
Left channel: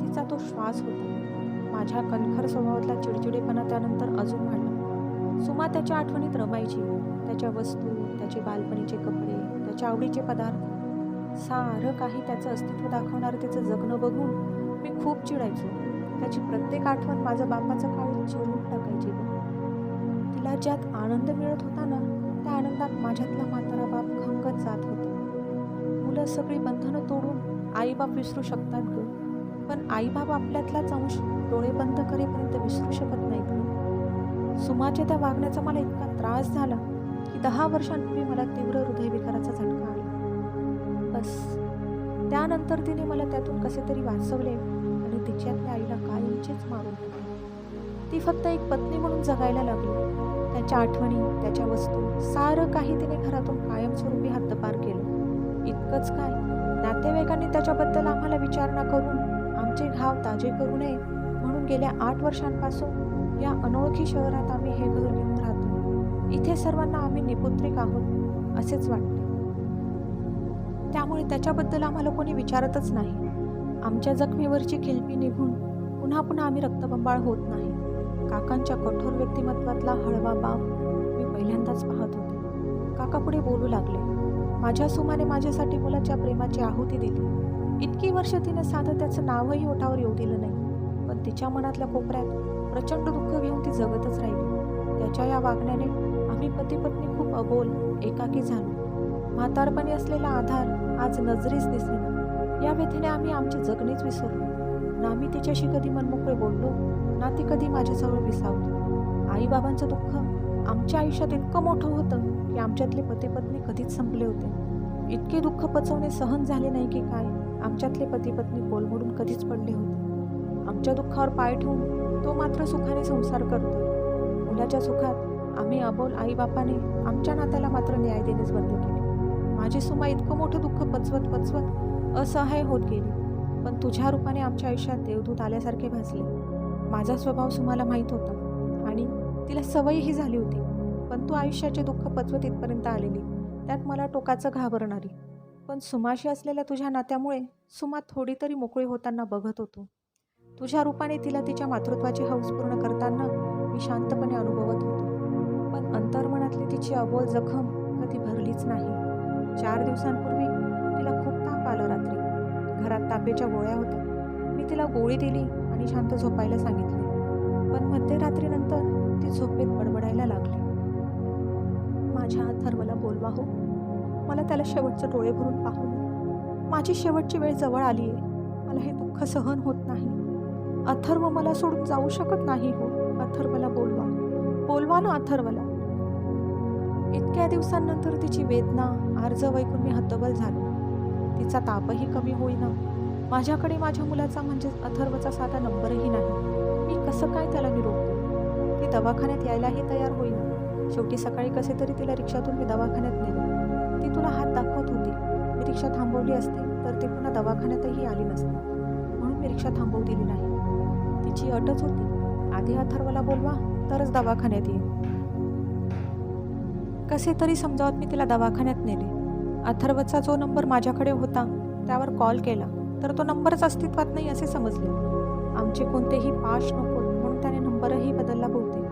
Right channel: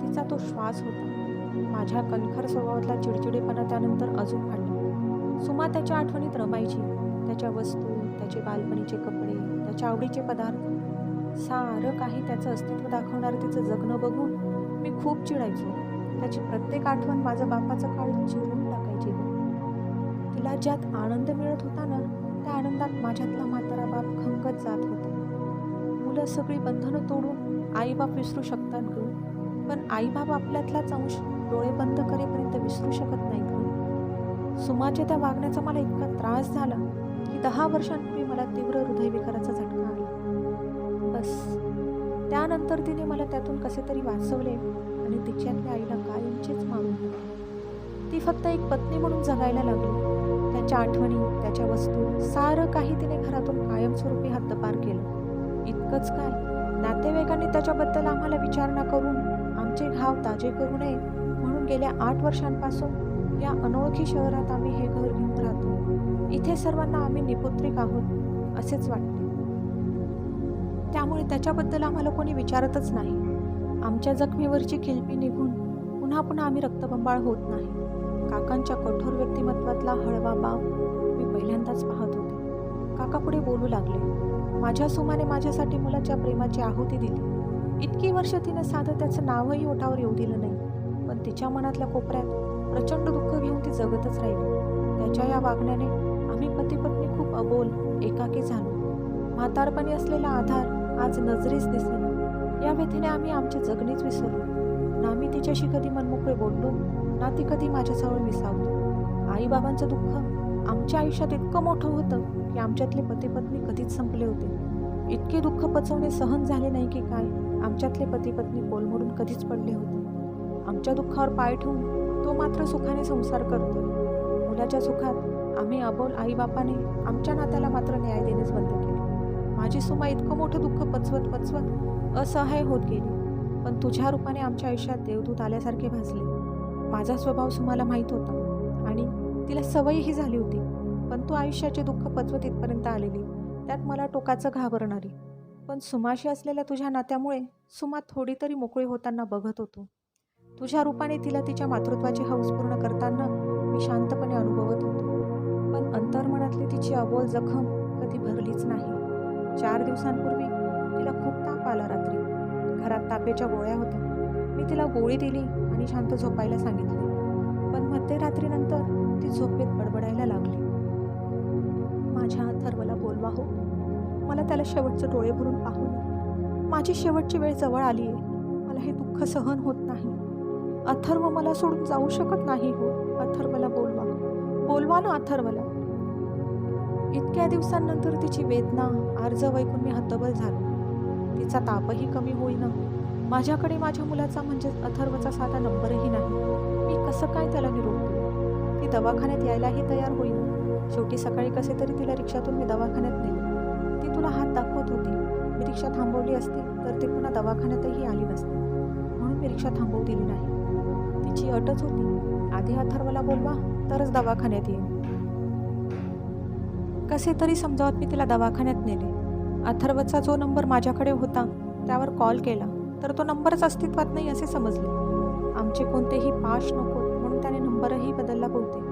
तिचा तो श्वास होता. माझ्या कणखर स्वभावातला चिडचिडेपणा त्यानंतर अजून वाढला. सुमा त्याच्या आठवणीत रमायची. त्याच्या वस्तू, त्याचे बालपणीचे कपडे, त्याच्या आवडीचे पदार्थ, सारं काही त्याचं अस्तित्व दाखवणारं तिचं जगणं बघून मी खूप चिडायचो. त्याची प्रत्येक आठवण माझं बापाचं काळीज चिरून टाकायची ग. तिला ज्यात आनंद मिळत होता ना, त्या आनंदात माझ्यातला म्हातारा बाप खंगत जात होता. मुलं सगळी बंधनं तोडून आईबाप विसरू शकतात ग, पण आईबाप आपल्यातलाच अंश डोळे बंद करेपर्यंत विसरू शकत नाहीत ग. सुमाच्या त्या वागण्याचा मला इतका त्रास झाला की 10 वर्षांपूर्वी मला तीव्र हृदयविकाराचा झटका आला. बस त्यानंतर तिने मला त्यातून कसे तरी वाचवले आणि तिच्यातल्या आईला कायमचीच मारून टाकले. ती फक्त एक पत्नी म्हणून जगायला लागली. त्याच्या आठवणी, त्याच्या वस्तू, सारं काही तिने घरातून कायमस्वरूपी हद्दपार केलं. इतकंच काय, नातेवाईकांनी त्याच्याबद्दल आम्हाला विचारणा करून आमचे घाव ताजे करू नये म्हणून गेल्या 8 वर्षांपासून या अनोळखी शहरात आम्ही हे घर घेऊन राहतो. इथे सर्वांना आम्ही निपुत्रिक आहोत असेच वाटते. त्यामुळे त्याच्याबद्दल आम्हाला कोणी विचारतच नाही. आमच्या जखमेवरची खिलपी निघून पुन्हा पुन्हा आम्ही रक्तबंबाळ होत नाही. काकांच्या कठोर व्यक्तिमत्वातला हळवा बाप मी पहिल्यांदाच पाहत होते. काका पुढे बोलू लागले. माझ्या सुमाने माझ्यासाठी मुलाच्या प्रेमाची आहुती दिली. इतकी वर्ष तिने साधं त्याचं नावही ओठावर येऊ दिलं नाही, पण तिच्या मनातल्या कोपऱ्यात प्रचंड दुःख घेऊन ती जगतच राहिली. त्याच्या या वागण्याने आम्ही पती-पत्नी खूप अबोल, एकाकी झालो. म्हातारपणी असलेला आधार आज नजरेस दिसेना. या व्यथेने आम्ही आमचे जगणेच विसरलो. ना मी तिच्याशी कधी मनमोकळे बोललो, ना ती कधी माझ्याजवळ विसावली. आईबाबांचं दुःख आमच्या आयुष्यात इतकं मोठं होतं की आमच्यातले पती-पत्नी कधीच संपले होते. इतके दुःख पचवणे सहन झाले नाही की काय, आमच्यातले पती-पत्नी कोलमडून कधीच पडले होते. आमच्या दुःखावर पाय ठेवून तो मात्र सुखाने संसार करतोय. मुलाच्या सुखात आम्ही अबोल आईबापाने आमच्या नात्याला मात्र न्याय देणेच बंद केले. माझी सुमा इतकं मोठं दुःख पचवत पचवत असहाय होत गेली, पण तुझ्या रूपाने आमच्या आयुष्यात देवदूत आल्यासारखे भासले. माझा स्वभाव सुमाला माहीत होता आणि तिला सवयही झाली होती, पण तू आयुष्याचे दुःख पचवत इथपर्यंत आलेली, त्यात मला टोकाचं घाबरणारी. पण सुमाशी असलेल्या तुझ्या नात्यामुळे सुमा थोडी तरी मोकळी होताना बघत होतो. तुझ्या रूपाने तिला तिच्या मातृत्वाची हौस पूर्ण करताना मी शांतपणे अनुभवत होतो. पण अंतर्मनातली तिची अबोल जखम कधी भरलीच नाही. 4 दिवसांपूर्वी तिला खूप ताप आला रात्री. घरात तापेच्या गोळ्या होत्या. मी तिला गोळी दिली आणि शांत झोपायला सांगितले. पण मध्यरात्रीनंतर ती झोपेत बडबडायला लागली. माझ्या अथर्वला बोलवा हो, मला त्याला शेवटचे डोळे भरून पाहू नये. माझी शेवटची वेळ जवळ आली आहे. मला हे दुःख सहन होत नाही. अथर्व मला सोडून जाऊ शकत नाही हो. अथर्वला बोलवा, बोलवा ना अथर्वला. इतक्या दिवसांनंतर तिची वेदना आर्जव ऐकून मी हतबल झालो. तिचा तापही कमी होईना. माझ्याकडे माझ्या मुलाचा म्हणजेच अथर्वचा साधा नंबरही नाही. मी कसं काय त्याला निरोप देऊ? ती दवाखान्यात यायलाही तयार होईना. शेवटी सकाळी कसे तरी तिला रिक्षातून मी दवाखान्यात नेले. ती तुला हात दाखवत होती. मी रिक्षा थांबवली असती तर ती पुन्हा दवाखान्यातही आली नसती, म्हणून मी रिक्षा थांबवू दिली नाही. तिची अटच होती, आधी अथर्वला बोलवा तरच दवाखान्यात येईन. कसे तरी समजावत मी तिला दवाखान्यात नेले. अथर्वचा जो नंबर माझ्याकडे होता त्यावर कॉल केला तर तो नंबरच अस्तित्वात नाही असे समजले. आमचे कोणतेही पाश नकोत म्हणून त्याने नंबरही बदलला बहुतेक.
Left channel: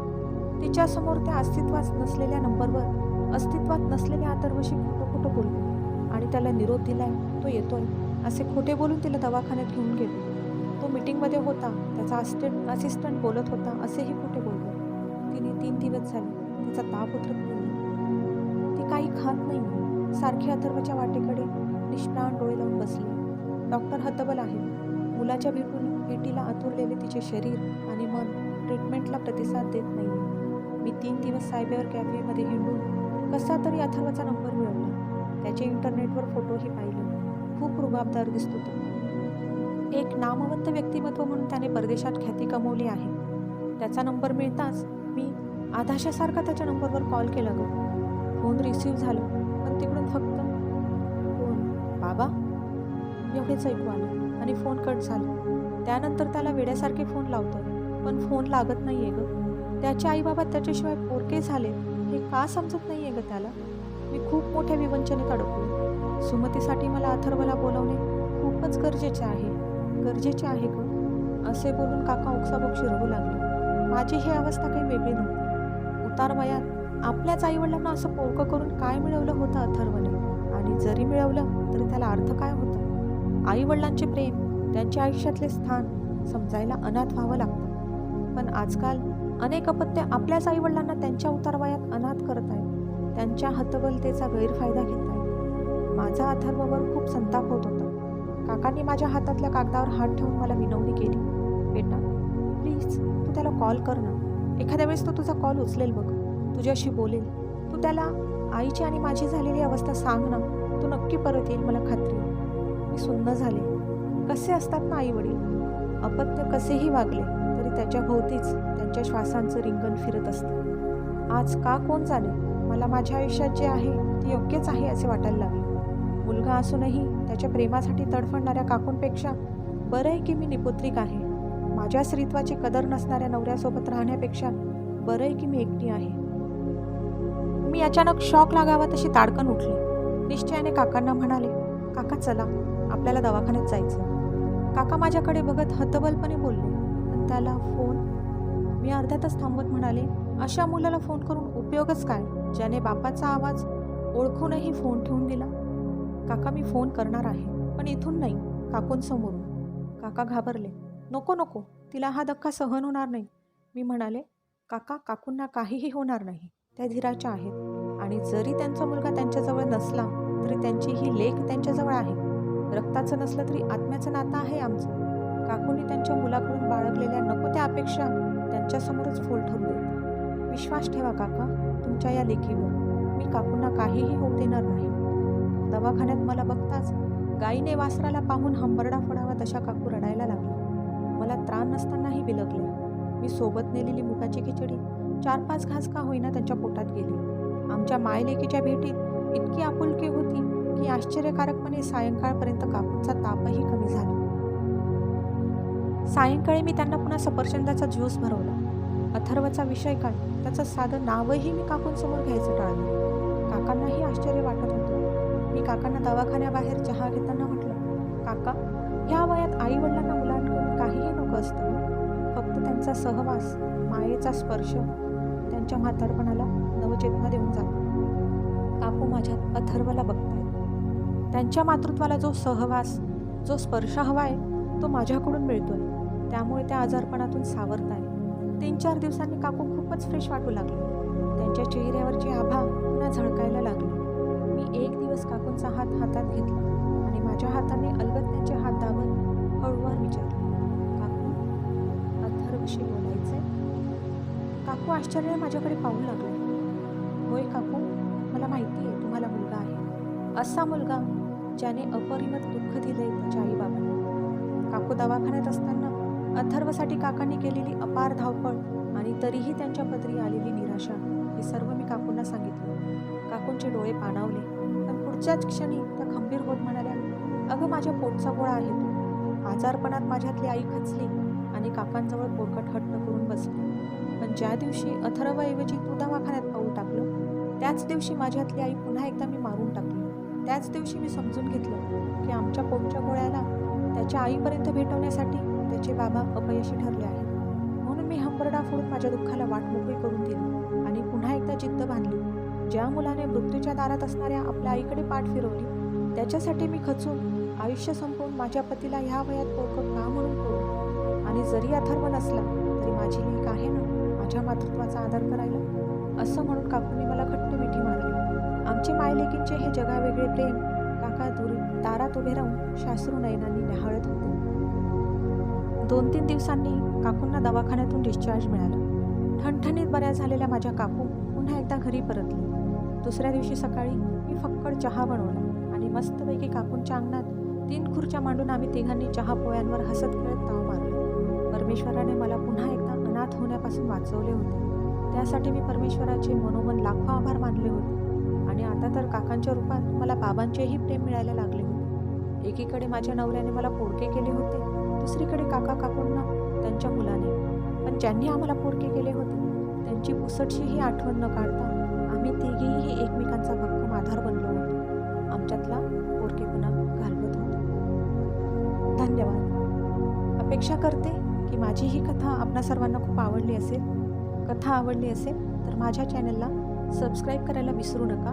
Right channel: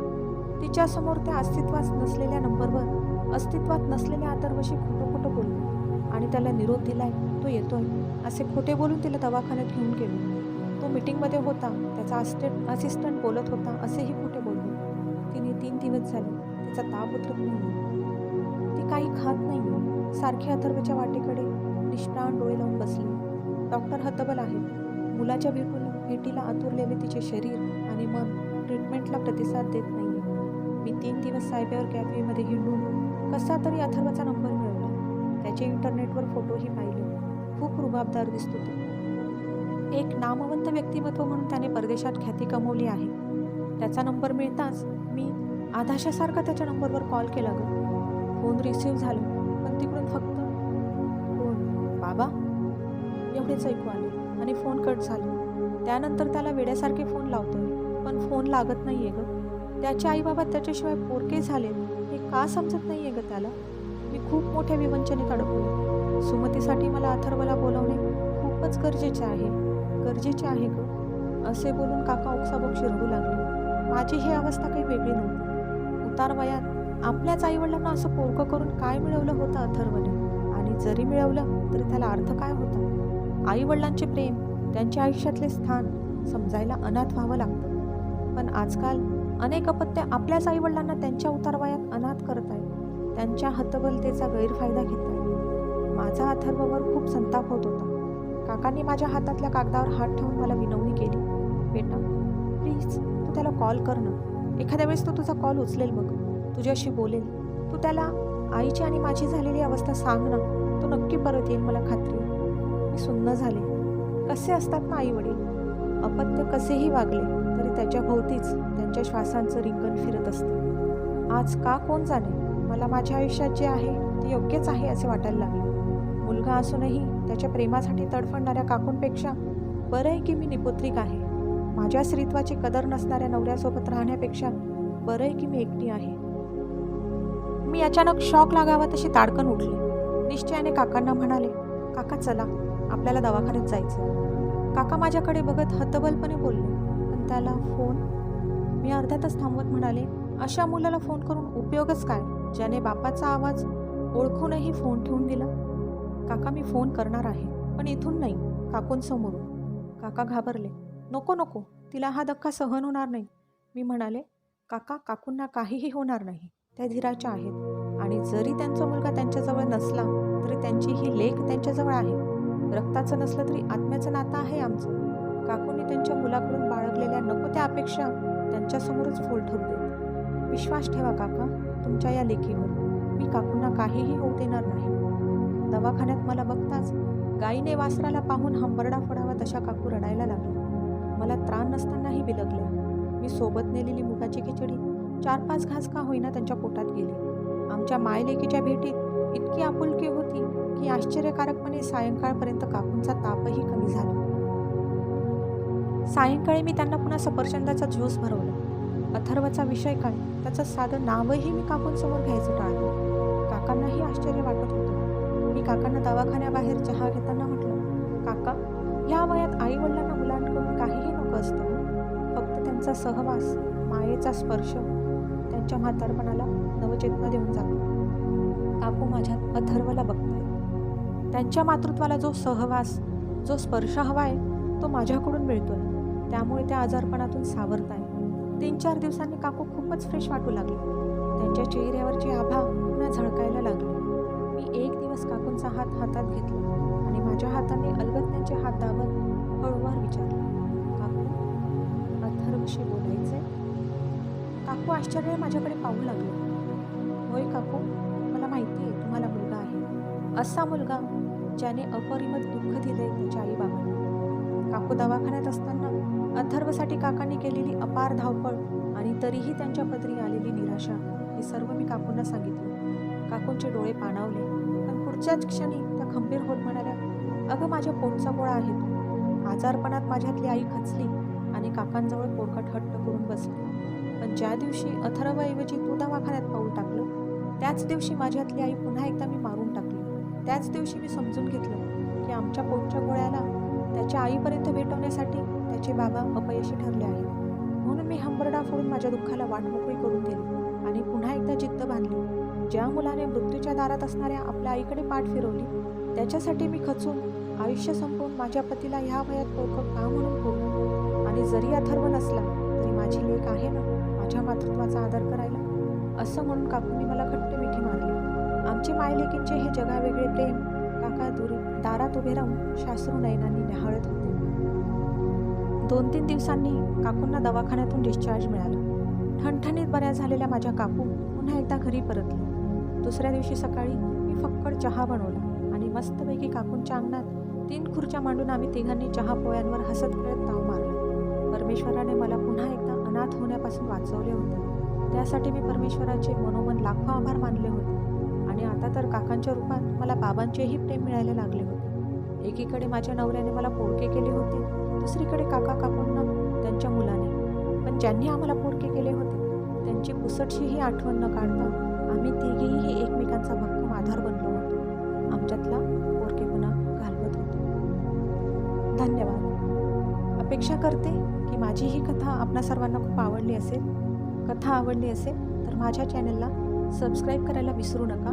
तिच्यासमोर त्या अस्तित्वात नसलेल्या नंबरवर अस्तित्वात नसलेल्या अथर्वशी खोटं खोटं बोललो आणि त्याला निरोप दिलाय, तो येतोय असे खोटे बोलून तिला दवाखान्यात घेऊन गेलो. तो मीटिंगमध्ये होता, त्याचा असिस्टंट बोलत होता असेही खोटे बोललो. तिने 3 दिवस झाले तिचा ताप उतरत नाही. ती काही खात नाही. सारखी अथर्वच्या वाटेकडे निष्प्राण डोळे लावून बसली. डॉक्टर हतबल आहेत. मुलाच्या भेटीला आतुरलेले तिचे शरीर आणि मन ट्रीटमेंटला प्रतिसाद देत नाही. मी 3 दिवस सायबर कॅफेमध्ये हिंडून कसा तरी अथर्वचा नंबर मिळवला. त्याचे इंटरनेटवर फोटोही पाहिले. खूप रुबाबदार दिसतो तो. एक नामवंत व्यक्तिमत्व म्हणून त्याने परदेशात ख्याती कमवली आहे. त्याचा नंबर मिळताच मी आधाशासारखा त्याच्या नंबरवर कॉल केला ग. फोन रिसीव्ह झाला, पण तिकडून फक्त कोण बाबा एवढेच ऐकू आले आणि फोन कट झाला. त्यानंतर त्याला वेड्यासारखे फोन लावतोय, पण फोन लागत नाही आहे ग. त्याचे आईबाबा त्याच्याशिवाय पोरके झालेत हे का समजत नाही आहे ग त्याला. मी खूप मोठ्या विवंचनेत अडकलो. सुमतीसाठी मला अथर्वला बोलावणे खूपच गरजेचे आहे ग, असे बोलून काका ओक्साबोक्शी रडू लागले. माझी ही अवस्था काही वेगळी नव्हती. उतार वयात आपल्याच आईवडिलांना असं पोरकं करून काय मिळवलं होतं अथर्वने, आणि जरी मिळवलं तरी त्याला अर्थ काय होता. आईवडिलांचे प्रेम, त्यांच्या आयुष्यातले स्थान समजायला अनाथ व्हावं लागतं. पण आजकाल अनेक अपत्य आपल्याच आईवडिलांना त्यांच्या उतारवयात अनाथ करत आहेत. त्यांच्या हतबलतेचा गैरफायदा घेत आहेत. माझा अथर्ववर खूप संताप होत होता. काकांनी माझ्या हातातल्या कागदावर हात ठेवून मला विनवणी केली. बेटा, प्लीज तू त्याला कॉल कर ना. एखाद्या वेळेस तो तुझा कॉल उचलेल बघ, तुझ्याशी बोलेल. तू त्याला आईची आणि माझी झालेली अवस्था सांग ना. तो नक्की परत येईल, मला खात्री आहे. मी सुन्न झाले. कसे असतात ना आई वडील. अपत्य कसेही वागले तरी त्याच्या भोवतीच त्यांच्या श्वासांचं रिंगण फिरत असतं. आज का कोण जाणे, मला माझ्या आयुष्यात जे आहे ते योग्यच आहे असे वाटायला लागले. मुलगा असूनही त्याच्या प्रेमासाठी तडफडणाऱ्या काकूंपेक्षा बरं आहे की मी निपुत्रिक आहे. माझ्या स्त्रीत्वाची कदर नसणाऱ्या नवऱ्यासोबत राहण्यापेक्षा बरं आहे की मी एकटी आहे. मी अचानक शॉक लागावा तशी ताडकन उठले. निश्चयाने काकांना म्हणाले, काका चला, आपल्याला दवाखान्यात जायचं. काका माझ्याकडे बघत हतबलपणे बोलले, पण त्याला फोन? मी अर्ध्यातच थांबवत म्हणाले, अशा मुलाला फोन करून उपयोगच काय, ज्याने बापाचा आवाज ओळखूनही फोन ठेवून दिला. काका मी फोन करणार आहे, पण इथून नाही, काकूंसमोरून. काका घाबरले. नको नको, तिला हा धक्का सहन होणार नाही. मी म्हणाले, काका काकूंना काहीही होणार नाही, त्या धीराच्या आहेत. आणि जरी त्यांचा मुलगा त्यांच्याजवळ नसला तरी त्यांची ही लेक त्यांच्याजवळ आहे. रक्ताचं नसलं तरी आत्म्याचं नातं आहे आमचं. काकूंनी त्यांच्या मुलाकडून बाळगलेल्या नको त्या अपेक्षा त्यांच्यासमोरच फोल ठरू देत. विश्वास ठेवा काका तुमच्या या लेकीवर. मी काकूंना काहीही होऊ देणार नाही. दवाखान्यात मला बघताच गाईने वासराला पाहून हंबरडा फोडावा तशा काकू रडायला लागल्या. मला त्राण नसतानाही बिलगल्या. मी सोबत नेलेली मुगाची खिचडी 4-5 घास का होईना त्यांच्या पोटात गेली. आमच्या मायलेकीच्या भेटीत इतकी आपुलकी होती की आश्चर्यकारकपणे सायंकाळपर्यंत काकूंचा तापही कमी झाला. सायंकाळी मी त्यांना पुन्हा सफरचंदाचा ज्यूस भरवला. अथर्वचा विषय काय, त्याचं साधं नावही मी काकूंसमोर घ्यायचं टाळलं. काकांनाही आश्चर्य वाटत होतं. मी काकांना दवाखान्याबाहेर चहा घेताना म्हटलं, काका ह्या वयात आईवडिलांना मुलांकडून काहीही नको असतं हो. फक्त त्यांचा सहवास, मायेचा स्पर्श त्यांच्या म्हातारपणाला नवचेतना देऊन जातो. काकू माझ्यात अथर्वला बघतायत. त्यांच्या मातृत्वाला जो सहवास, जो स्पर्श हवा आहे तो माझ्याकडून मिळतोय. त्यामुळे त्या आजारपणातून सावरताय. 3-4 दिवसांनी काकू खूपच फ्रेश वाटू लागली. त्यांच्या चेहऱ्यावरची आभा पुन्हा झळकायला लागली. मी एक दिवस काकूंचा हात हातात घेतला आणि माझ्या हाताने अलगद त्यांचे हात दाबत हळूवार विचारले, काकू अथर्वशी बोलायचंय? काकू आश्चर्याने माझ्याकडे पाहू लागले. होय काकू, मला माहिती आहे तुम्हाला मुलगा आहे. असा मुलगा ज्याने अपरिमित दुःख दिले त्याच्या आईबाबांना. काकू दवाखान्यात असताना अथर्वसाठी काकांनी केलेली अपार धावपळ आणि तरीही त्यांच्या पदरी आलेली निराशा हे सर्व मी काकूंना सांगितलं. काकूंचे डोळे पाणावले, पण पुढच्याच क्षणी त्या खंबीर होत म्हणाल्या, अगं माझ्या पोटचा गोळा आहे तो. आजारपणात माझ्यातली आई खचली आणि काकांजवळ पोरकट हट्ट करून बसली. पण ज्या दिवशी अथर्वऐवजी तू दवाखान्यात पाऊल टाकलं त्याच दिवशी माझ्यातली आई पुन्हा एकदा मी मारून टाकली. त्याच दिवशी मी समजून घेतलं की आमच्या पोटच्या गोळ्याला त्याच्या आईपर्यंत भेटवण्यासाठी त्याचे बाबा अपयशी ठरले आहेत. म्हणून मी हंबरडा फोडून माझ्या दुःखाला वाट मोकळी करून दिली आणि पुन्हा एकदा जिद्द बांधली. ज्या मुलाने मृत्यूच्या दारात असणाऱ्या आपल्या आईकडे पाठ फिरवली त्याच्यासाठी मी खचून आयुष्य संपवून माझ्या पतीला ह्या वयात पोरकं का म्हणून करू. आणि जरी अथर्व नसला तरी माझी लेक आहे ना माझ्या मातृत्वाचा आदर करायला, असं म्हणून काकूंनी मला घट्ट मिठी मारली. आमचे मायलेकींचे हे जगावेगळे प्रेम काका दारात उभे राहून शास्त्रू नयनांनी न्याहाळत होते. 2-3 दिवसांनी काकूंना दवाखान्यातून डिस्चार्ज मिळाला. ठणठणीत बऱ्या झालेल्या माझ्या काकू पुन्हा एकदा घरी परतले. दुसऱ्या दिवशी सकाळी मी फक्कड चहा बनवला आणि मस्तपैकी काकूंच्या अंगणात 3 खुर्च्या मांडून आम्ही तिघांनी चहा पोळ्यांवर हसत खेळत ताव मारला. परमेश्वराने मला पुन्हा एकदा अनाथ होण्यापासून वाचवले होते. त्यासाठी मी परमेश्वराचे मनोमन लाखो आभार मानले होते. आणि आता तर काकांच्या रूपात मला बाबांचेही प्रेम मिळायला लागले होते. एकीकडे माझ्या नवऱ्याने मला पोरके केले होते, दुसरीकडे काका काकूंना त्यांच्या मुलाने. पण ज्यांनी आम्हाला पोरके केले होते त्यांची पुसटशीही आठवण न काढता आम्ही तिघेही एकमेकांचा भक्कम आधार बनलो होतो. आमच्यातला पोरकेपणा घालवत होतो. धन्यवाद. अपेक्षा करते की माझी ही कथा आपणा सर्वांना खूप आवडली असेल. कथा आवडली असेल तर माझ्या चॅनलला सबस्क्राईब करायला विसरू नका.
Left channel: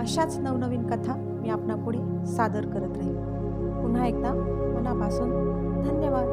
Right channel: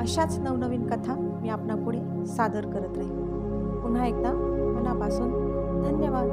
अशाच नवनवीन कथा मी आपणापुढे सादर करत राहीन. पुन्हा एकदा मनापासून धन्यवाद.